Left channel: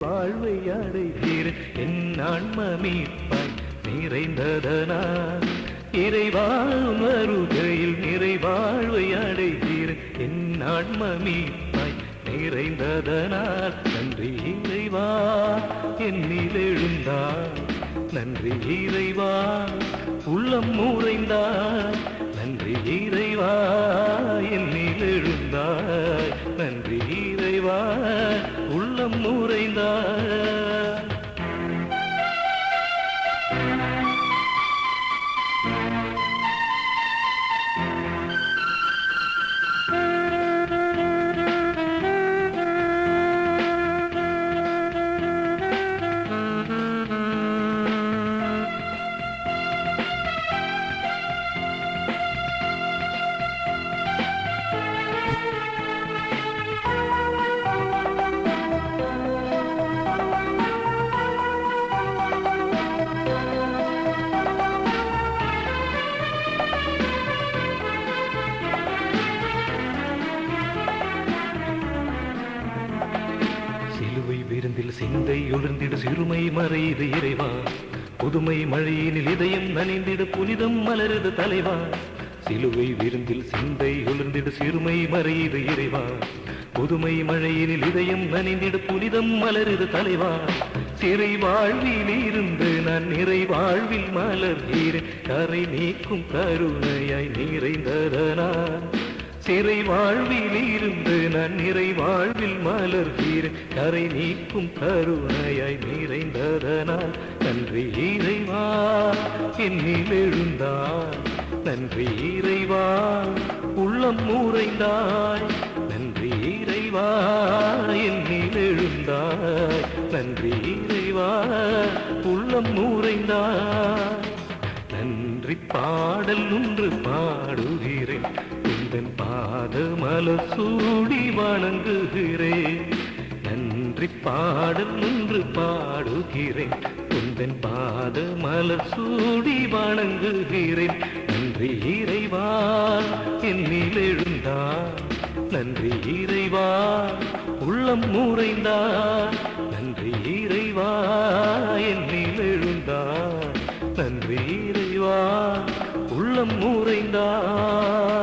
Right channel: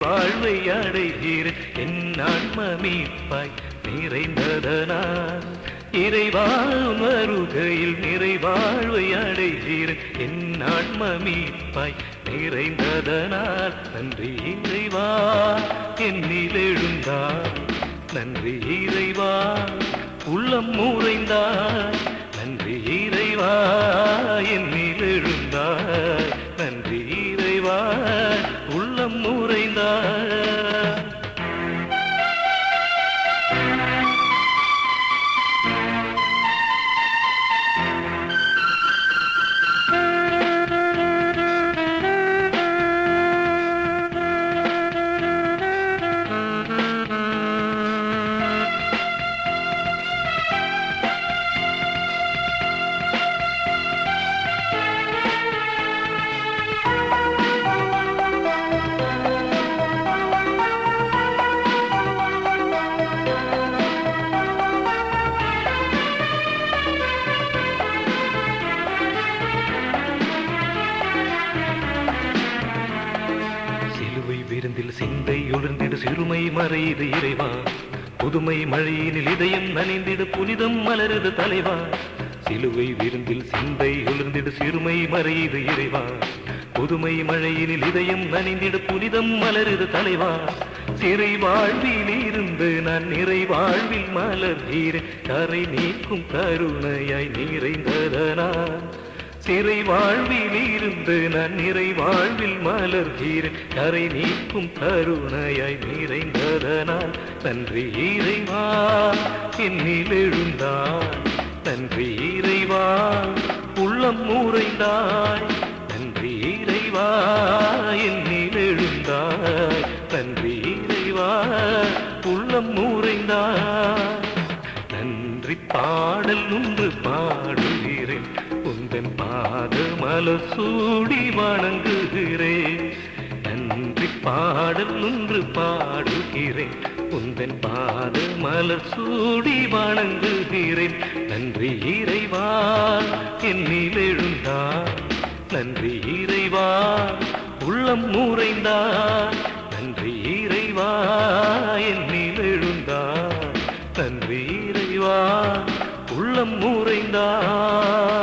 வாழ்வை அடைகிறேன் என் ஆன்ம மீட்பாய் நிறைந்ததனால் இறைவா வருகையில் நிறைவாழ்வை அடைகிறேன் என் ஆன்ம மீட்பாய் நிறைந்ததனால் நன்றி இறைவா என்னில் எழுந்தார் நன்றி இறைவா உள்ளம் உறைந்தார் நன்றி இறைவா என்னில் எழுந்தார் நன்றி இறைவா உள்ளம் உறைந்தார். சிலுவை விருந்தில் சிந்தை எழுந்திடு சிறுமை மறைது இறைவா புதுமை மழையினில் இதயம் நனைந்திடு புனிதம் மலருது தலைவா சிலுவை விருந்தில் சிந்தை எழுந்திடு சிறுமை மறைது இறைவா புதுமை மழையினில் இதயம் நனைந்திடு புனிதம் மலருது தலைவா சிறை வாழ்வில் இருந்து நான் நிறை வாழ்வில் மலர்கிறேன் கரை நீக்கும் கருணையாய் நிறைந்ததனால் சிறை வாழ்வில் இருந்து நான் நிறை வாழ்வில் மலர்கிறேன் கரை நீக்கும் கருணையாய் நிறைந்ததனால் நன்றி இறைவா என்னில் எழுந்தார் நன்றி இறைவா உள்ளம் உறைந்தார் நன்றி இறைவா என்னில் எழுந்தார் நன்றி இறைவா உள்ளம் உறைந்தார். நன்றி பாடல் ஒன்று பாடுகிறேன் உந்தன் பாத மலர் சூடி வணங்குகிறேன் நன்றி பாடல் ஒன்று பாடுகிறேன் உந்தன் பாத மலர் சூடி வணங்குகிறேன் நன்றி இறைவா என்னில் எழுந்தார் நன்றி இறைவா உள்ளம் உறைந்தார் நன்றி இறைவா என்னில் எழுந்தார் நன்றி இறைவா உள்ளம் உறைந்தார்.